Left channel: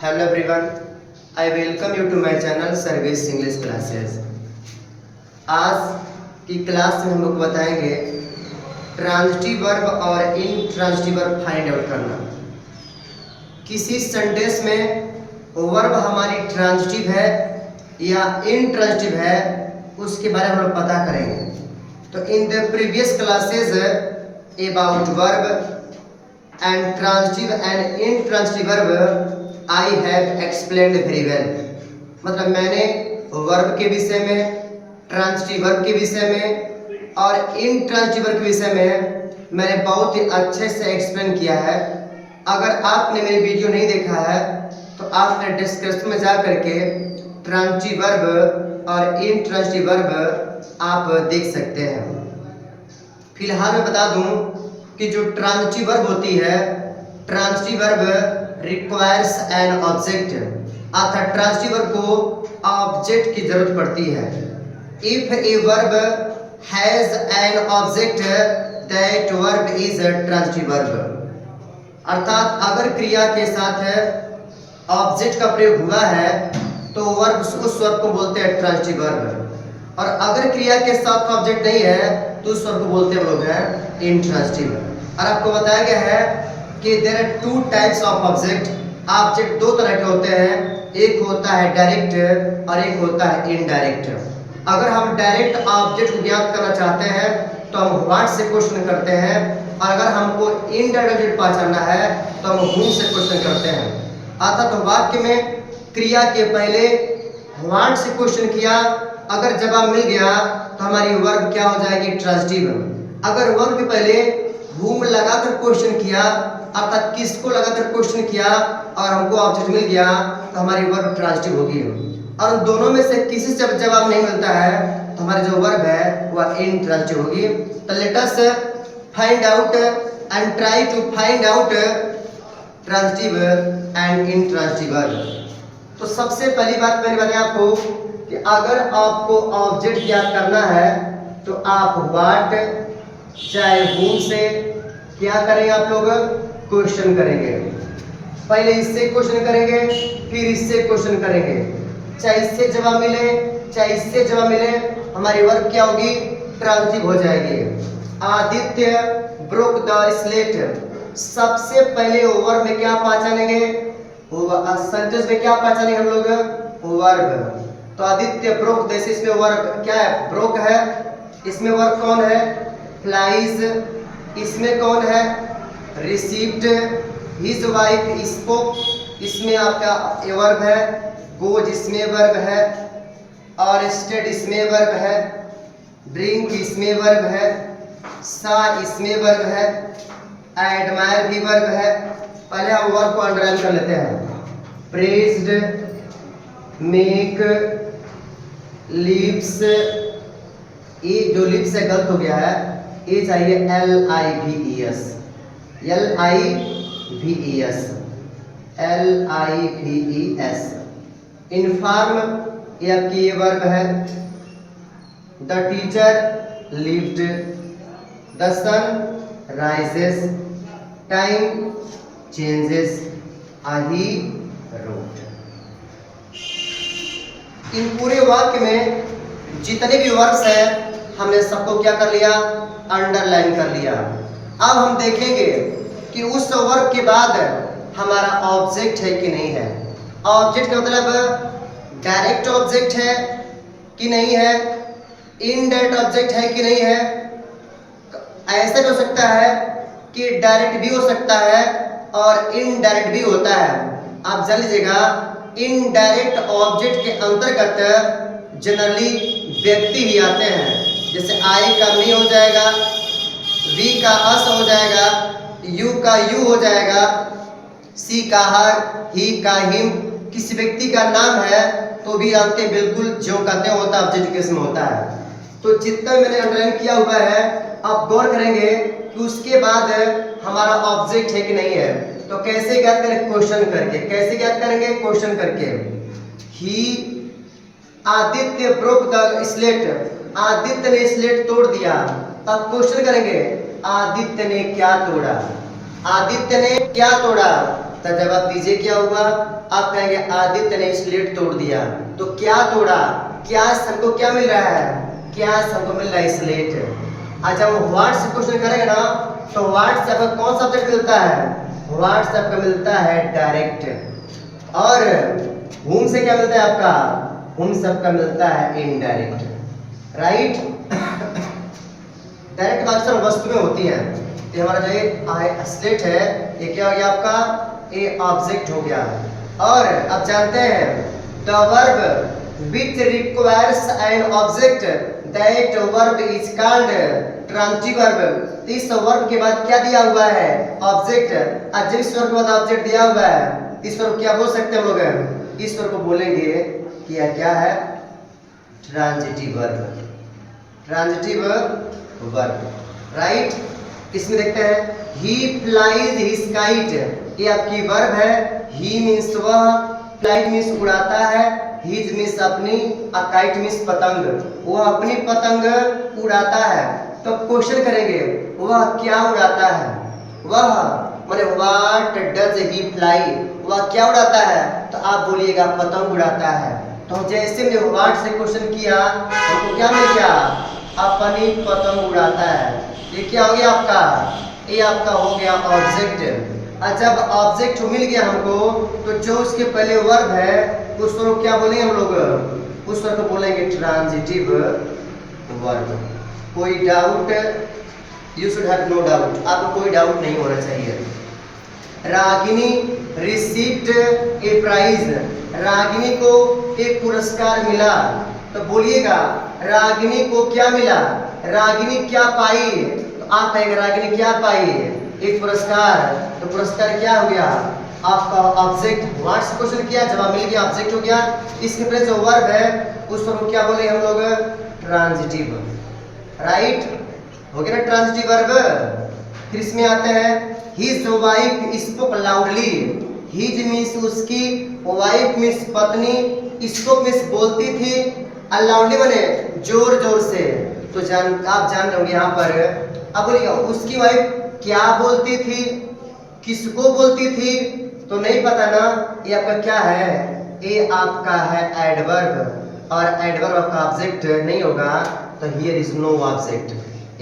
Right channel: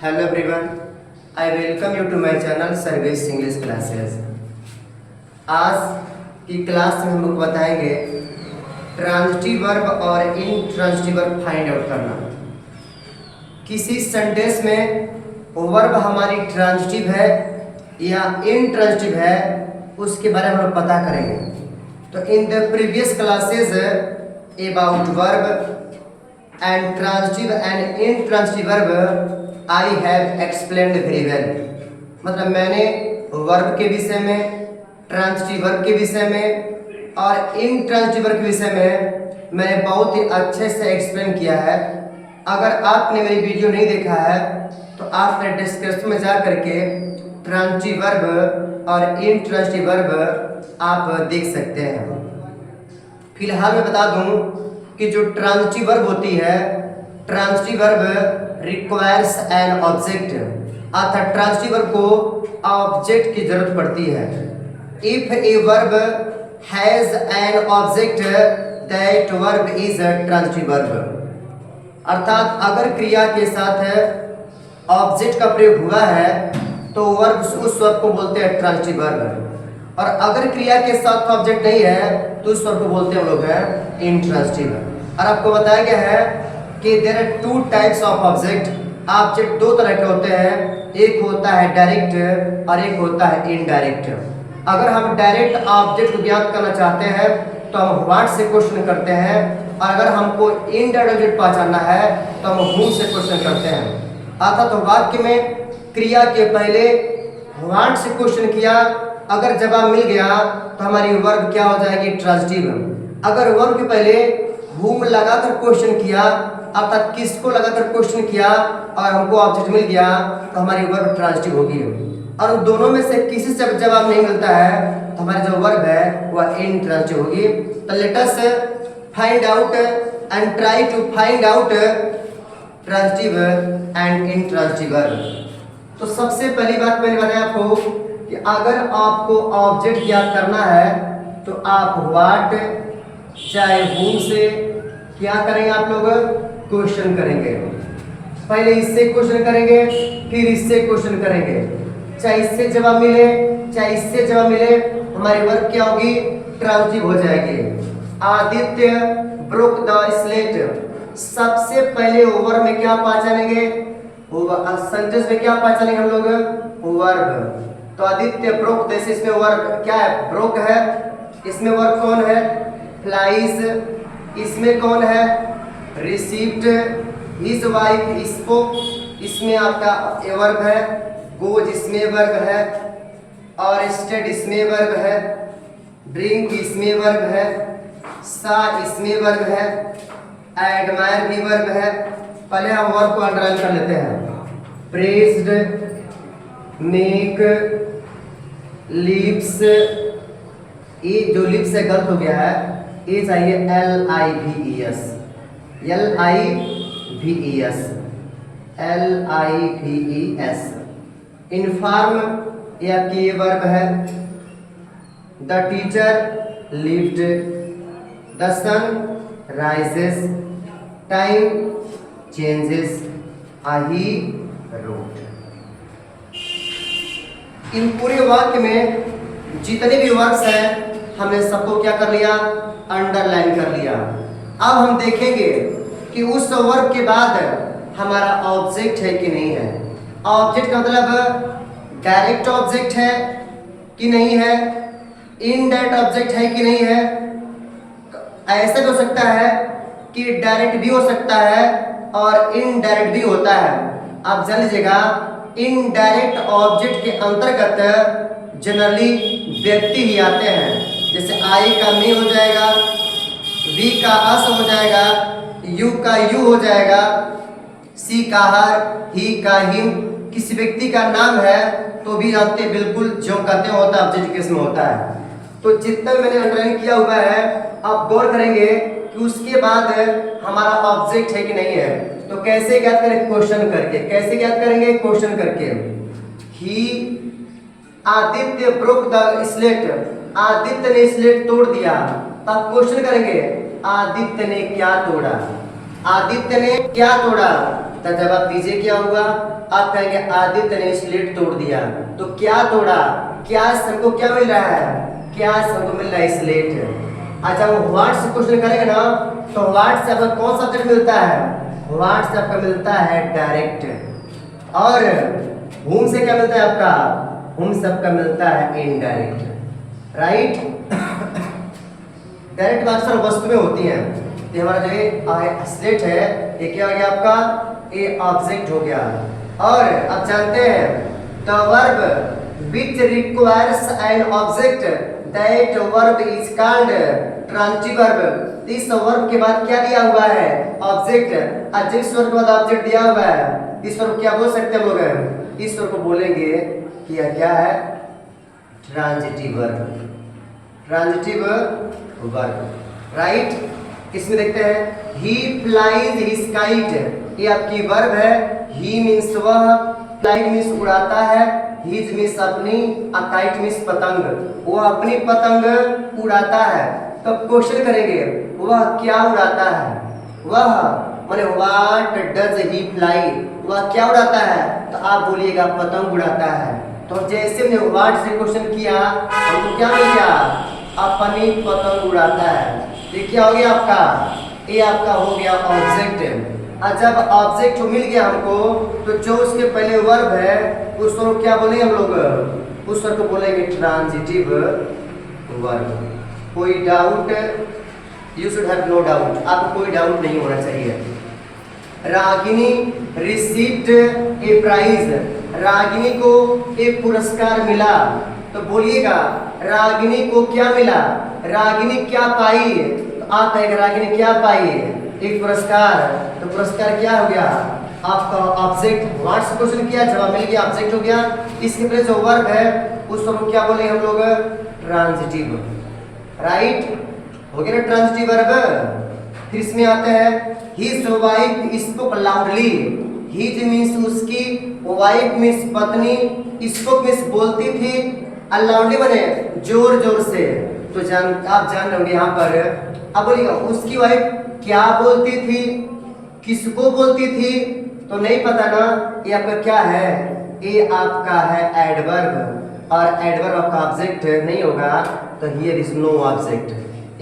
Hello everyone, I welcome you to my channel Service English Classes। आज की class में हम लोग बताएंगे ट्रांजिटिव वर्ब और इनट्रांजिटिव वर्ब फाइंड आउट करना। किसी सेंटेंस में वर्ब हमारी ट्रांजिटिव है या इनट्रांजिटिव है उसके बारे में हम लोग पता करेंगे। तो in the previous classes about verb and transitive and intransitive verb I have explained very well. मतलब मैंने वर्ब के विषय में, ट्रांजिटिव वर्ब के विषय में और इनट्रांजिटिव वर्ब के विषय में मैंने बहुत ही अच्छे से एक्सप्लेन किया है। अगर आपने मेरी वीडियो नहीं देखा है तो आप मेरे डिस्क्रिप्शन में जा करके ट्रांजिटिव वर्ब और इनट्रांजिटिव वर्ब आप देख सकते हैं। फिलहाल मैं बता दूं कि जो ट्रांजिटिव वर्ब होती है, transitive verb requires an object, अर्थात ट्रांजिटिव वर्ब को ऑब्जेक्ट की जरूरत पड़ती है। If a verb has an object that verb is a transitive verb. अर्थात अगर क्रिया के साथ ऑब्जेक्ट का प्रयोग हुआ है तो वर्ब उस वर्ब को बोलते हैं ट्रांजिटिव वर्ब, और अगर क्रिया के साथ ऑब्जेक्ट नहीं है तो उस वर्ब को बोलते हैं हम लोग हैं इनट्रांजिटिव। और आपको बताया गया है कि there are two types of object. Object दो तरह के होते हैं, एक होता है डायरेक्ट और एक होता है इनडायरेक्ट। अगर हम डायरेक्ट ऑब्जेक्ट को ज्ञात करना चाहते हैं तो हम व्हाट से क्वेश्चन करते हैं, और अगर हमको इनडायरेक्ट ऑब्जेक्ट पहचानना है तो हम हूम से क्वेश्चन करते हैं। अर्थात तो वाक्य में क्रिया के पहले व्हाट से क्वेश्चन किया, अगर जवाब मिल गया तो हमारी वर्ब क्या हो जाएगी, ट्रांजिटिव। अगर वर्ब के पहले हूम लगाकर क्वेश्चन किया, अर्थात किसको लगाकर क्वेश्चन किया और हमको ऑब्जेक्ट मिल गया तो हमारी वर्ब ट्रांजिटिव होगी। और दोनों में से किसी से जवाब नहीं मिलता है तो हमारी जो वर्ब है वह इनट्रांजिटिव होगी। तो let us find out and try to find out transitive and intransitive verb. तो सबसे पहली बात मैंने बताया आपको कि अगर आपको ऑब्जेक्ट ज्ञात करना है तो आप व्हाट चाहे हूम से क्या करेंगे, आप लोग क्वेश्चन करेंगे। पहले इससे क्वेश्चन करेंगे, फिर इससे क्वेश्चन करेंगे। चाहे इससे जवाब मिले चाहे इससे जवाब मिले, हमारी वर्ब क्या होगी, ट्रांजिटिव हो जाएगी। Aditya broke the slate. सबसे पहले वर्ब में क्या पहचानेंगे, सेंटेंस में क्या पहचानेंगे हम लोग, वर्ब। तो आदित्य ब्रोक, जैसे इसमें वर्ब क्या है, ब्रोक है। इसमें वर्ब कौन है, फ्लाइज। इसमें कौन है, रिसीव्ड। हिज वाइफ स्पोक, इसमें आपका वर्ब है। गोज इसमें वर्ब है, और स्टेड इसमें वर्ब है। ब्रिंग इसमें वर्ब है। सा इसमें वर्ब है। एडमायर भी वर्ब है। पहले हम वर्ब को अंडरलाइन कर लेते हैं। Praised, make, lips. ये जो लिप्स से गलत हो गया है, ये चाहिए LIVES, LIVES, LIVES। इन्फॉर्म ये आपकी ये वर्ब है। The teacher lived, the sun rises, time changes, he wrote. इन पूरे वाक्य में जितने भी वर्ब्स हैं हमने सबको क्या कर लिया, अंडरलाइन कर लिया। अब हम देखेंगे कि उस वर्ब के बाद हमारा ऑब्जेक्ट है कि नहीं है। ऑब्जेक्ट का मतलब डायरेक्ट ऑब्जेक्ट है कि नहीं है, इनडायरेक्ट ऑब्जेक्ट है कि नहीं है। ऐसा भी हो सकता है कि डायरेक्ट भी हो सकता है और इनडायरेक्ट भी होता है। आप जान लीजिएगा, इनडायरेक्ट ऑब्जेक्ट के अंतर्गत जनरली व्यक्ति ही आते हैं। जैसे आई का मी हो जाएगा, वी का अस हो जाएगा, यू का यू हो जाएगा, सी का हर, ही का हिम। किसी व्यक्ति का नाम है तो भी जानते हैं बिल्कुल जो कहते हैं होता है, ऑब्जेक्ट केस में होता है। तो जितना मैंने अंडरलाइन किया हुआ है आप गौर करेंगे कि उसके बाद हमारा ऑब्जेक्ट है कि नहीं है। तो कैसे ज्ञात करें, क्वेश्चन करके। कैसे ज्ञात करेंगे, क्वेश्चन करके। He Aditya broke the slate, Aditya ने स्लेट तोड़ दिया। तब क्वेश्चन करेंगे, आदित्य ने क्या तोड़ा, आदित्य ने क्या तोड़ा। तो जवाब दीजिए क्या होगा। आप कहेंगे आदित्य ने स्लेट तोड़ दिया। तो क्या तोड़ा, क्या हमको क्या मिल रहा है, क्या हमको मिल रहा है स्लेट। अच्छा हम व्हाट से क्वेश्चन करेंगे ना, तो व्हाट से आपको कौन सा ऑब्जेक्ट मिलता है, व्हाट से आपको मिलता है डायरेक्ट। और whom से क्या मिलता है आपका, whom सबका मिलता है इनडायरेक्ट, राइट। डायरेक्ट बात सर वस्तु में होती है। ये हमारा जो ये स्लेट है ये क्या हो गया आपका, ये ऑब्जेक्ट हो गया। और अब जानते हैं the verb which requires an object that verb is called transitive verb. इस वर्ब के बाद क्या दिया हुआ है, ऑब्जेक्ट। और जिस वर्ब के बाद ऑब्जेक्ट दिया हुआ है इस वर्ब क्या बोल सकते हैं हम लोग, इस वर्ब को बोलेंगे कि यह क्या है, transitive verb, transitive verb, right. इसमें देखते हैं ही फ्लाइज हिज काइट, ये आपकी वर्ब है। ही मीन्स वह, फ्लाई मीन्स उड़ाता है, हिज मीन्स अपनी, आ काइट मीन्स पतंग, वो अपनी पतंग उड़ाता है। तो क्वेश्चन करेंगे वह क्या उड़ाता है, वह माने व्हाट डज ही फ्लाई, वह क्या उड़ाता है, तो आप बोलिएगा पतंग उड़ाता है। तो जैसे हमने व्हाट से क्वेश्चन किया हमको क्या मिल गया, अपनी पतंग उड़ाता है। ये क्या हो गया आपका, ये आपका हो गया ऑब्जेक्ट। और जब ऑब्जेक्ट मिल गया हमको तो जो उसके पहले वर्ब है उस वर्ब को क्या बोलेंगे हम लोग, उस वर्ब को बोलेंगे ट्रांजिटिव वर्ब। कोई doubt, you should have no doubt, आपको कोई डाउट नहीं होना चाहिए। Ragini received a prize, Ragini को एक पुरस्कार मिला। तो बोलिएगा रागिनी को क्या मिला, रागिनी क्या पाई, तो आप कहेंगे रागिनी क्या पाई, एक पुरस्कार। तो पुरस्कार क्या हो गया आपका ऑब्जेक्ट। व्हाट से क्वेश्चन किया, जवाब मिल गया, ऑब्जेक्ट हो गया। इसके पहले जो वर्ब है उस वर्ब को क्या बोले हम लोग, ट्रांजिटिव, राइट, हो गया ना ट्रांजिटिव वर्ब। फिर इसमें आते हैं his wife spoke loudly, his means उसकी, वाइफ मीन्स पत्नी, स्पोक मीन्स बोलती थी, लाउडली बने जोर जोर से। तो आप जान रहे होंगे यहाँ पर। अब बोलिएगा उसकी वाइफ क्या बोलती थी, किसको बोलती थी, तो नहीं पता ना, ये आपका क्या है, ये आपका है एडवर्ब। और एडवर्ब आपका ऑब्जेक्ट नहीं होगा, तो हियर इज नो ऑब्जेक्ट,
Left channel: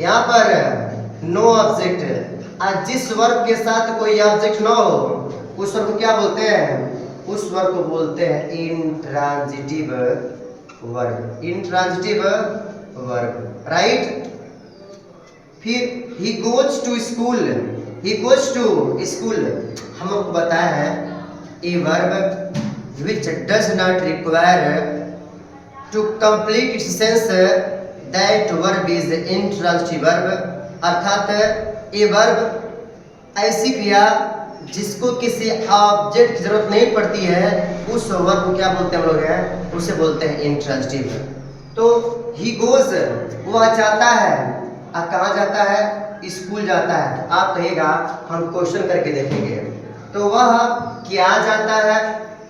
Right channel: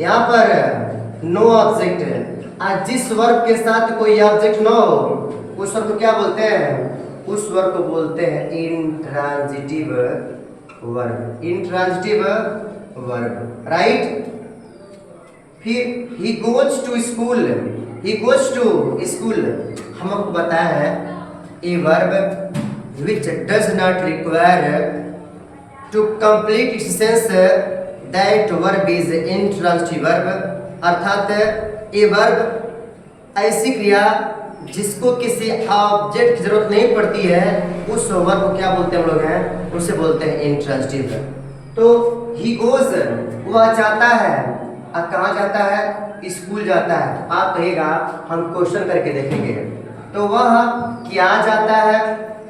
यहाँ पर नो ऑब्जेक्ट। और जिस वर्ब के साथ कोई ऑब्जेक्ट ना हो उस वर्ब को क्या बोलते हैं, उस वर्ब को बोलते हैं intransitive verb, intransitive verb, right. फिर he goes to school, he goes to school हम आपको बताया है a verb which does not require to complete its sense that verb is intransitive verb। अर्थात a verb ऐसी क्रिया जिसको किसी ऑब्जेक्ट की जरूरत नहीं पड़ती है उस वर्ब को क्या बोलते हैं हम लोग हैं, उसे बोलते हैं इंट्रांजिटिव। तो he goes वह जाता है, कहाँ जाता है, स्कूल जाता है। आप कहिएगा हम क्वेश्चन करके देखेंगे। तो वह क्या जाता है,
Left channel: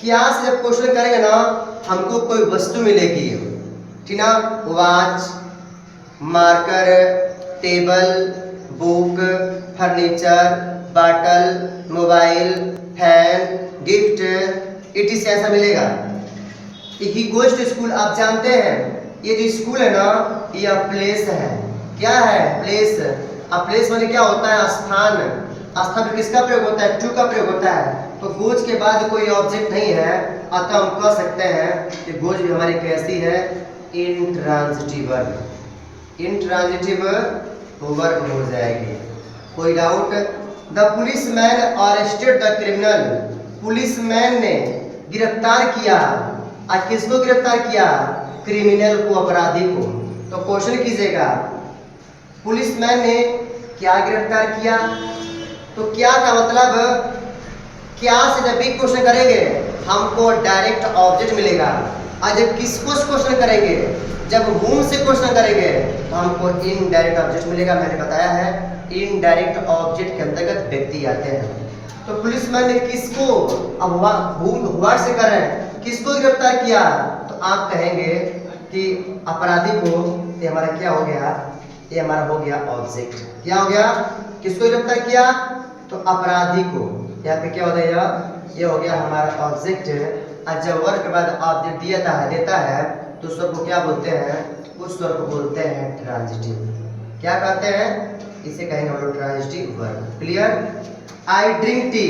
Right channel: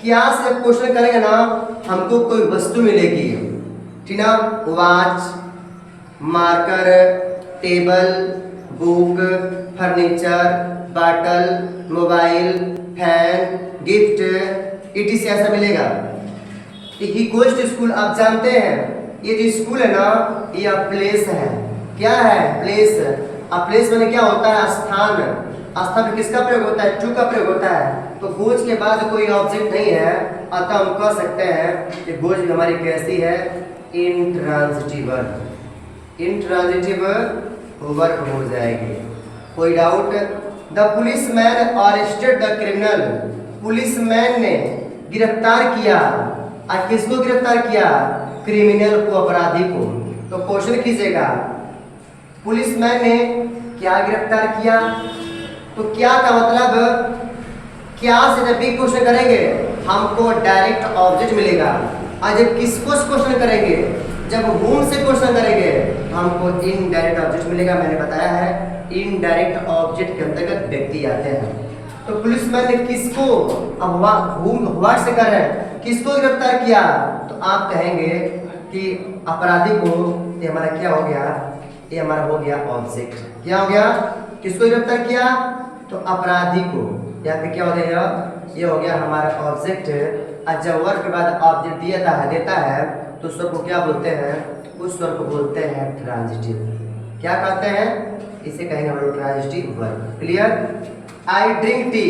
क्या से क्वेश्चन करेंगे ना हमको कोई वस्तु मिलेगी, ठीक ना, watch, marker, table, book, furniture, bottle, mobile, fan, gift, it ऐसा मिलेगा। ही गोज टू स्कूल, आप जानते हैं ये जो स्कूल है ना ये प्लेस है, क्या है, प्लेस। अब प्लेस में क्या होता है, स्थान। स्थान में किसका प्रयोग होता है, टू का प्रयोग होता है। तो गोज के बाद कोई ऑब्जेक्ट नहीं है, अतः हम कह सकते हैं कि गोज भी हमारी कैसी है, इंट्रांजिटिव वर्ब, इंट्रांजिटिव वर्ब हो जाएगी। कोई doubt. The policeman arrested the criminal, policeman ने गिरफ्तार किया, आज किसको गिरफ्तार किया, क्रिमिनल को, अपराधी को। तो क्वेश्चन कीजिएगा पुलिसमैन ने क्या गिरफ्तार किया, तो क्या का मतलब, क्या से जब भी क्वेश्चन करेंगे हमको डायरेक्ट ऑब्जेक्ट मिलेगा। और जब किसको क्वेश्चन करेंगे, जब whom से क्वेश्चन करेंगे तो हमको इनडायरेक्ट ऑब्जेक्ट मिलेगा। मैंने बताया है इनडायरेक्ट ऑब्जेक्ट के अंतर्गत व्यक्ति आते हैं। तो पुलिसमैन ने किसको, अब व्हाट से कर रहे हैं, किसको गिरफ्तार किया, तो आप कहेंगे कि अपराधी को। ये हमारा क्या हो गया, ये हमारा हो गया ऑब्जेक्ट। क्या हो गया, किसको गिरफ्तार किया, तो अपराधी को, यहाँ पे क्या हो गया, ये हो गया हमारा ऑब्जेक्ट। और जब वर्ब के बाद ऑब्जेक्ट देता है तो उस वर्ब को क्या बोलते हैं, उस वर्ब को बोलते हैं ट्रांजिटिव। क्या कहते हैं, इसे कहेंगे हम लोग transitive verb. Clear. I drink tea,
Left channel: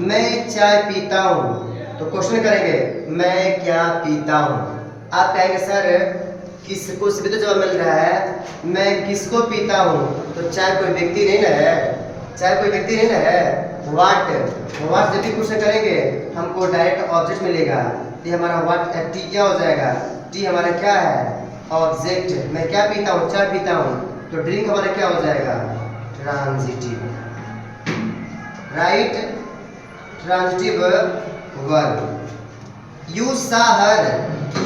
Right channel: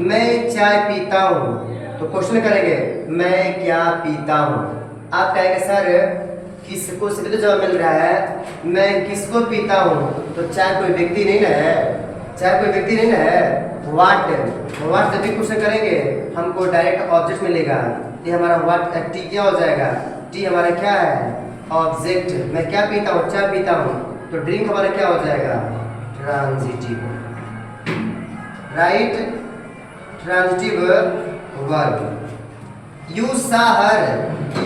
मैं चाय पीता हूँ। तो क्वेश्चन करेंगे मैं क्या पीता हूँ। आप कहेंगे सर किसको से भी तो जवाब मिल रहा है, मैं किसको पीता हूँ, तो चाय कोई व्यक्ति नहीं ना है, चाय कोई व्यक्ति नहीं ना है। वाट जब भी क्वेश्चन करेंगे हमको डायरेक्ट ऑब्जेक्ट मिलेगा। ये हमारा वाट टी क्या हो जाएगा, टी हमारा क्या है, ऑब्जेक्ट। मैं क्या पीता हूँ, चाय पीता हूँ, तो ड्रिंक हमारा क्या हो जाएगा, transitive. Right, transitive verb. You सा हर,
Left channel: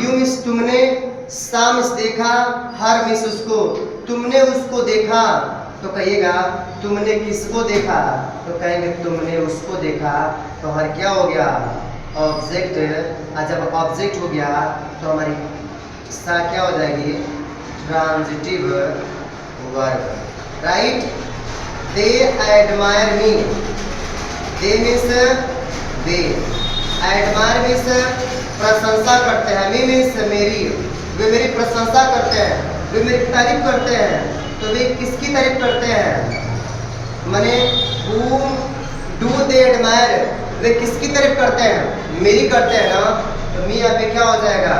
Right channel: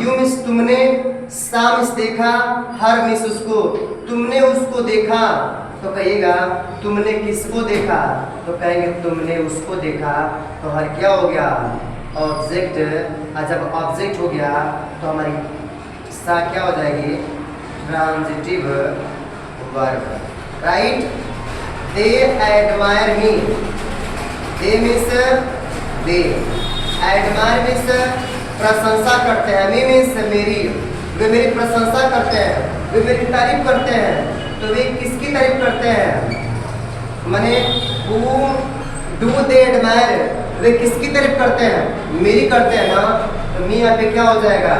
यू मिस तुमने, सा मिस देखा, हर मिस उसको, तुमने उसको देखा। तो कहिएगा तुमने किसको देखा, तो कहेंगे तुमने उसको देखा। तो हर क्या हो गया, ऑब्जेक्ट। और जब ऑब्जेक्ट हो गया तो हमारी सा क्या हो जाएगी, ट्रांजिटिव वर्ब। राइट। दे एडमायर मी, दे मीन्स वे, एडमायर मीन्स प्रशंसा करते हैं, मी मीन्स मेरी, वे मेरी प्रशंसा करते हैं, वे मेरी तारीफ करते हैं। तो वे किसकी तारीफ करते हैं, माने whom do they admire, वे किसकी तारीफ करते हैं, मेरी करते हैं ना। तो मी यहाँ पे क्या हो जाएगा,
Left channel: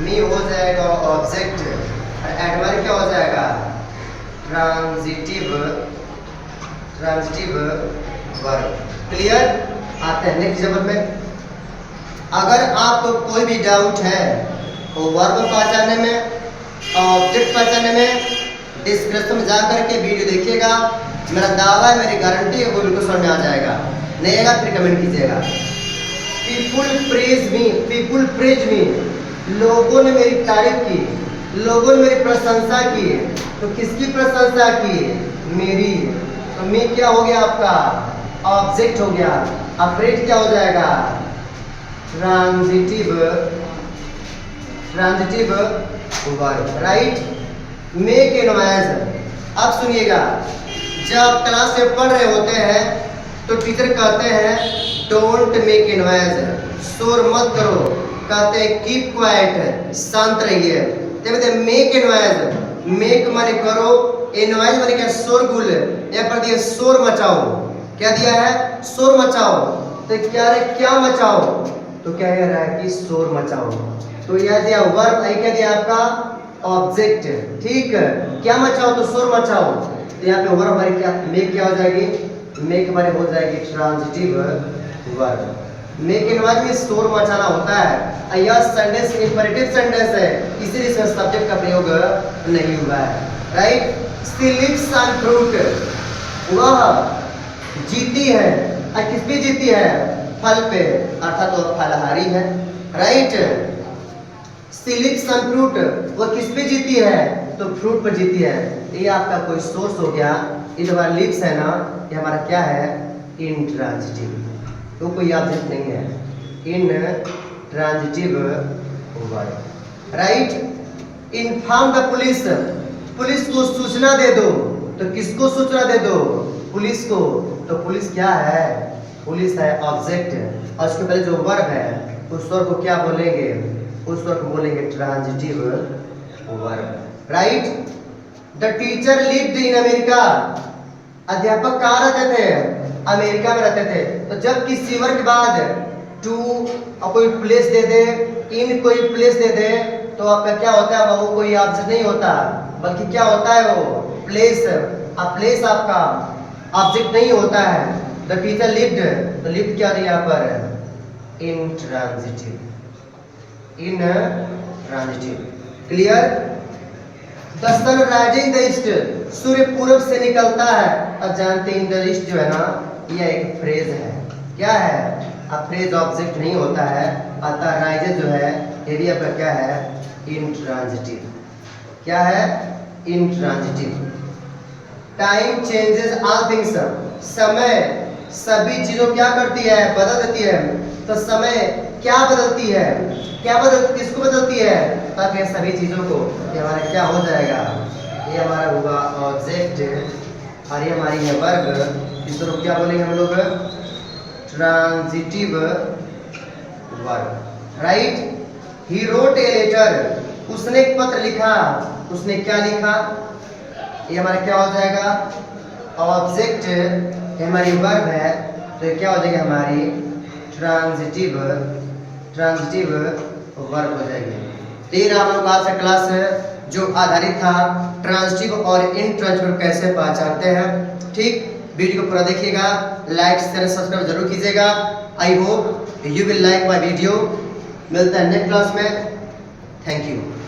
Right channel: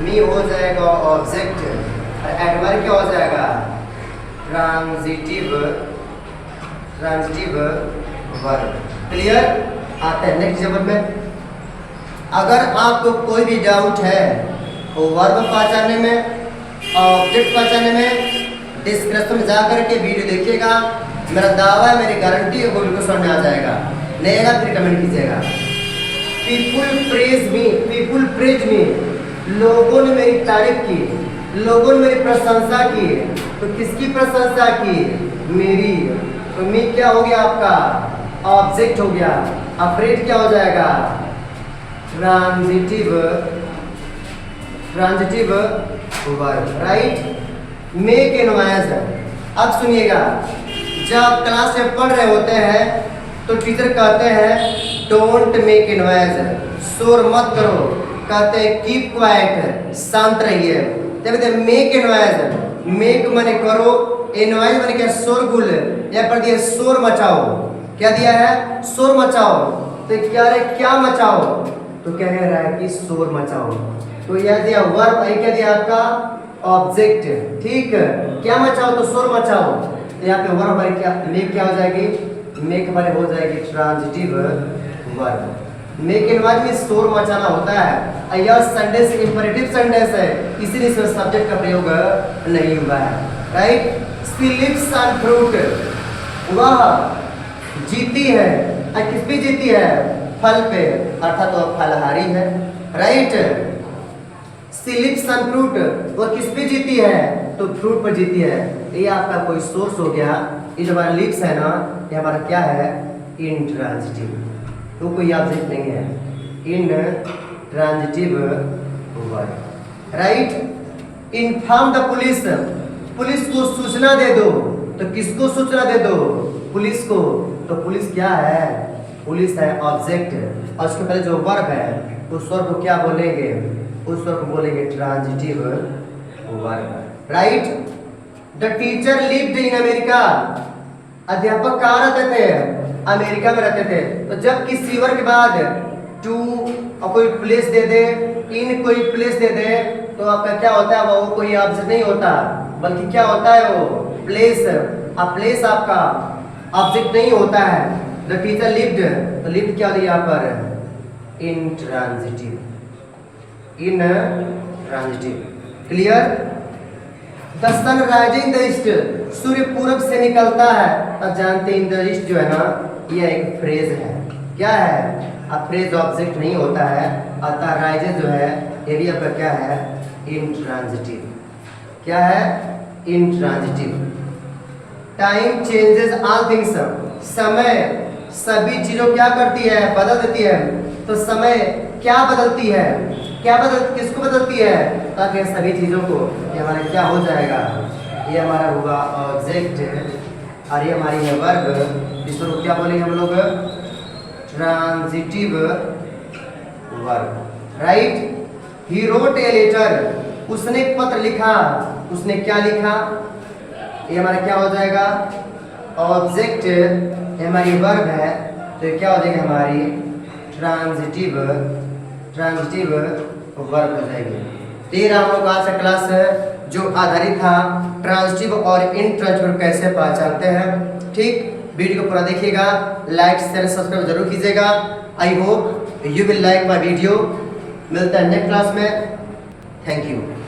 मी हो जाएगा ऑब्जेक्ट, और एडमायर क्या हो जाएगा, ट्रांजिटिव वर्ब। क्लियर। आते हैं नेक्स्ट एग्जाम्पल में। अगर आपको कोई भी डाउट है तो वर्ब पहचानने में, ऑब्जेक्ट पहचानने में, डिस्क्रिप्शन में जाकर के वीडियो देखिएगा। मेरा दावा है, मेरी गारंटी है, वो बिल्कुल समझ में आ जाएगा। नहीं आएगा फिर कमेंट कीजिएगा। People praise me, people praise me, लोगों ने मेरी तारीफ की, लोगों ने मेरी प्रशंसा की। तो किसकी प्रशंसा की, मेरी। तो मी क्या हो गया आपका, ऑब्जेक्ट हो गया। अब प्रेज क्या हो जाएगा, transitive verb. Right. Make a noise. अब सुनिएगा, जब क्लास में पढ़ रहे होते हैं तो टीचर कहते हैं डोंट मेक ए नॉइज, शोर मत करो। कहते हैं कीप क्वाइट, शांत रहिए। जब मेक ए नॉइज, मेक माने करो, ए नॉइज माने क्या, शोरगुल। यहाँ पर दिया शोर मचाओ, क्या दिया है, शोर मचाओ। तो क्या रहे, क्या मचाओ, तो क्या कह रहा है कि शोर मचाओ। तो यह दिया वर्ब, क्या दिया आपका, ऑब्जेक्ट। ठीक, क्या मचाओ, तो शोर मचाओ। तो यहाँ पे वर्ब हमारी क्या, मेक क्या हो जाएगी, मेक हमारी हो जाएगी transitive verb. Make in verb में शोर मचाना होता है। यह सेंटेंस इंपेरेटिव सेंटेंस है, इसीलिए इसमें सब्जेक्ट का प्रयोग नहीं हुआ है। Right. She lives on fruit, वह जीती है, किस पे जीती है, फल पे, अर्थात वह फलहारी है। Right. She lives on fruit, वो किस पे जीती है, तो फ्रूट पर जीती है। ये आपका कोई सोर्स हो गया। ये जो हमारा लिप्स है ना, ये हमारा क्या है, इंट्रांजिटिव, तो कोई ऑब्जेक्ट नहीं है, intransitive verb. Right. Inform the police, police को सूचना दे दो। तो किसको सूचना दे दो, पुलिस को। तो पुलिस क्या है, पुलिस है ऑब्जेक्ट, और उसके पहले जो वर्ब है उस वर्ब को क्या बोलेंगे, उस वर्ब को बोलेंगे transitive verb. Right. The teacher lived in America, अध्यापक कहाँ रहते थे, अमेरिका में रहते थे। तो जब किसी वर्ब के बाद टू कोई प्लेस दे दे, इन कोई प्लेस दे दे, तो आपका क्या होता है, वो कोई ऑब्जेक्ट नहीं होता, बल्कि क्या होता है, वो प्लेस। अब प्लेस आपका ऑब्जेक्ट नहीं होता है। द टीचर लिव्ड, तो लिव्ड क्या दिया यहाँ पर, intransitive, intransitive. Clear. The sun rising the east, सूर्य पूरब से निकलता है। अब जानते हैं द ईस्ट जो है ना, यह एक फ्रेज है। क्या है, अब फ्रेज ऑब्जेक्ट नहीं होता है, अतः राइजेस जो है ये भी आपका क्या है, इंट्रांजिटिव। क्या है, intransitive. Time changes all things, समय सभी चीजों क्या करती है, बदल देती है। तो समय क्या बदलती है, किसको बदलती है, ताकि सभी चीजों को, ये हमारा क्या हो जाएगा, ये हमारा हुआ ऑब्जेक्ट, और ये हमारी है वर्ब। इसको क्या बोलेंगे हम लोग, transitive verb, right. He wrote a letter, उसने एक पत्र लिखा। उसने क्या लिखा? ये हमारा क्या हो जाएगा? ऑब्जेक्ट, ये हमारी वर्ब है, तो ये क्या हो जाएगी? हमारी ट्रांजिटिव वर्ब हो जाएगी। तो ये रहा हम लोग आज का क्लास जो आधारित था ट्रांजिटिव और इनट्रांजिटिव कैसे पहचानते हैं। ठीक, वीडियो को पूरा देखिएगा, लाइक शेयर सब्सक्राइब जरूर कीजिएगा। I hope you will like my video. मिलता है नेक्स्ट क्लास में। Thank you.